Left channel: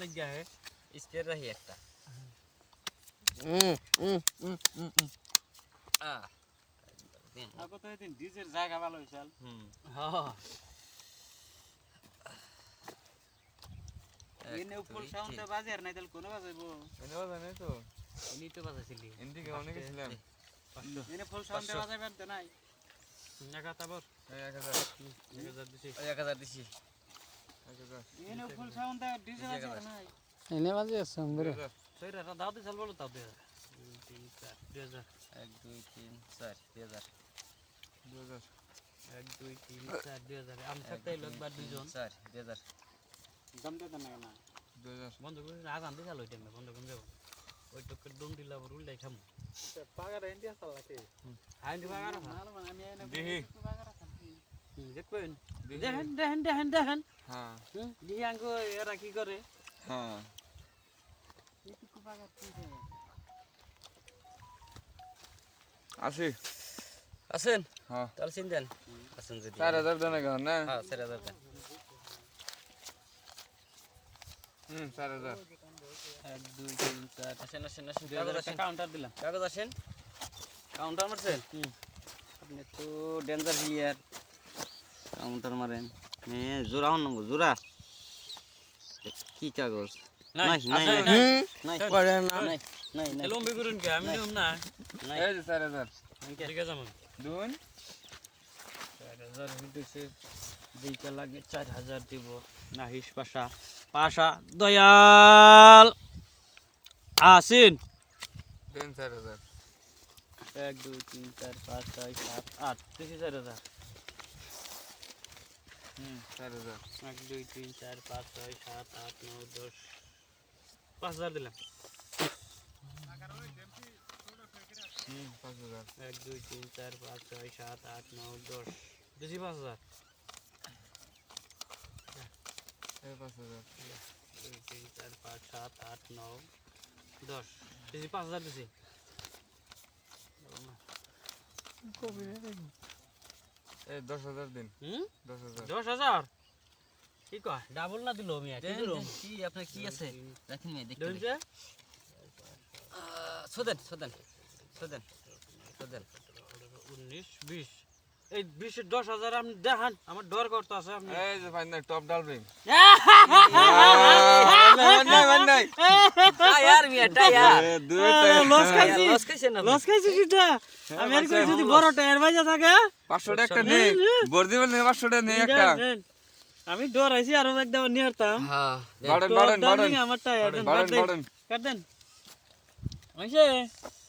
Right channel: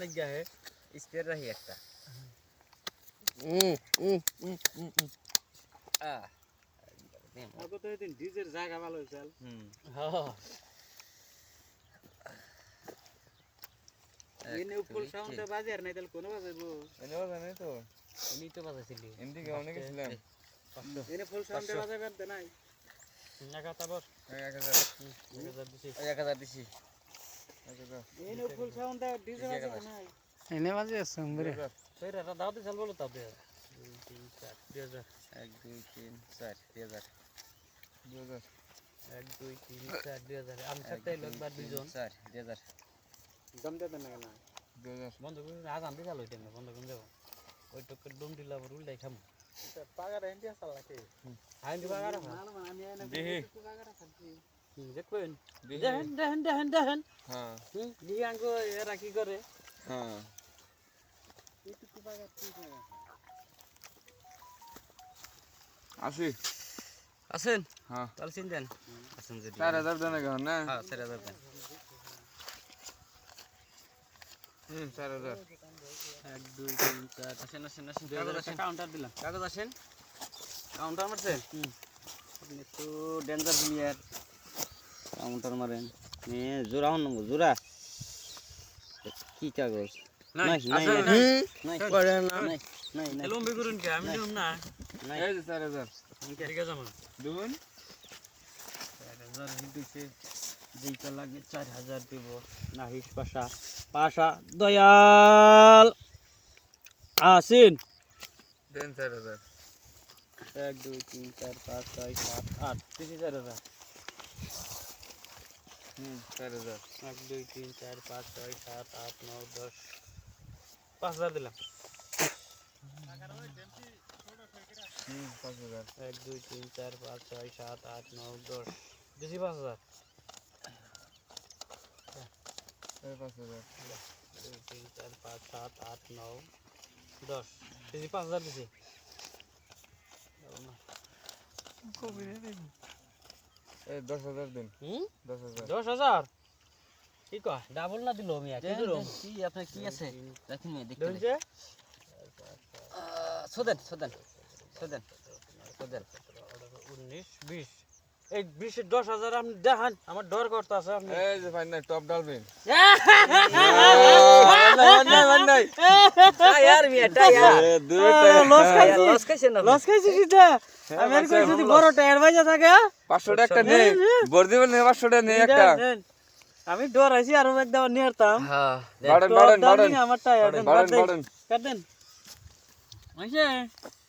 অনেক গায়ে স্পেয়ার রাখি একটা আবু তো এদিন ডিজের জায়গা ভালো হইছাল এনে উপর সাউন্ডটা বাজে আর নাই তাহলে কোন বাজাইবো এনে বাজে নাই তো উনি তো বাজাছিলি এদিকে অনেক ছিলাম এনে ফুল সাউন্ডে বাজাইবার তো নাই টাকা তারপর 1000 দিছি 1000 দিছি এনে ফুল সাউন্ডটা ডিজে বাজার নাই এনে বাজে আছে আমরে সৈরা দাও দিছাল বলো তাও দে 2 3 4 2000 1 2 3 4 2000 2000 1 2 3 4 2000 আমি সাথে লোকবার দুইজন 4 2000 দম দে না না 2000 বন্ধ করে আগান দিছাল ওই টাইমে বন্ধ করে দেব ওই টপের ডুম দিলা বড় উল্টাই খাম পাগার ইন্ডিয়া সাল নাকি আইন দিবা আর না না আমি এনে দেহি পাগার খাচ্ছি দেখবেন দেখেন হ্যাঁ দিহি আঙ্গ এরা কি করে হ্যাঁ এইটুকু পাগার কি করে আসি আছেন হ্যাঁ তাহলে চিন্তেন আছেন যদি 4000 দেন এখন না হ্যাঁ 4000 দেন 4000 1 2 3 4 আসেন কাগজ আসেন কাউন্টার দিলাম কাগজ আসেন কাউন্টার মারছেন আপনি তো ডেঞ্জার প্লেয়ার কাউন্টার মারেন জোড়া হন নম্বর জোড়া কি কাগজ নাই নাই নাই নাই নাই লম্বি করুন কে আমি নিউম না এই যে 4000 ঠিক আছে মান দুন 4000 হিটুছে দুইটা লাগে 4000 দিব নাহিস পাশা দয়াল আসেন দেন 4000 1 2 3 4 5 6 7 8 4000 4000 1 2 3 4 5 6 7 8 9 10 5000 দিলাম 5000 1 2 3 4 5 6 7 8 9 10 দিছি 5000 এই 5000 2 3 4 5 7 8 9 10 দিছি 5000 দিছি এই 10000 দিন হুম 10000 10000 কি কয় ডাবল না দিলো মিয়া কি দিলো কি আপনার কি আছে দেখেন মেয়ে দেখতে দেখছে সোদেন 19 20 এই 20 এর 10000 আপনি দেখান আমার ডর করতে আছে আপনি এই যে ভাই নাই টপ ডালবেন নাই টায়ার মিয়া টায়ার লস খাইছি লস খাইছেন না লস খাইছি সিধা আমি আর কই যদি বড় টায়ার বাজা থাকে 500 টাকা নেই বর দিবেন 500 টাকা নেই একটা আমি ডর আইছি আর একদম নিয়ারতাম হ্যাঁ বাড়েন আমার টায়ার বাড়েন কাট দেন হইছে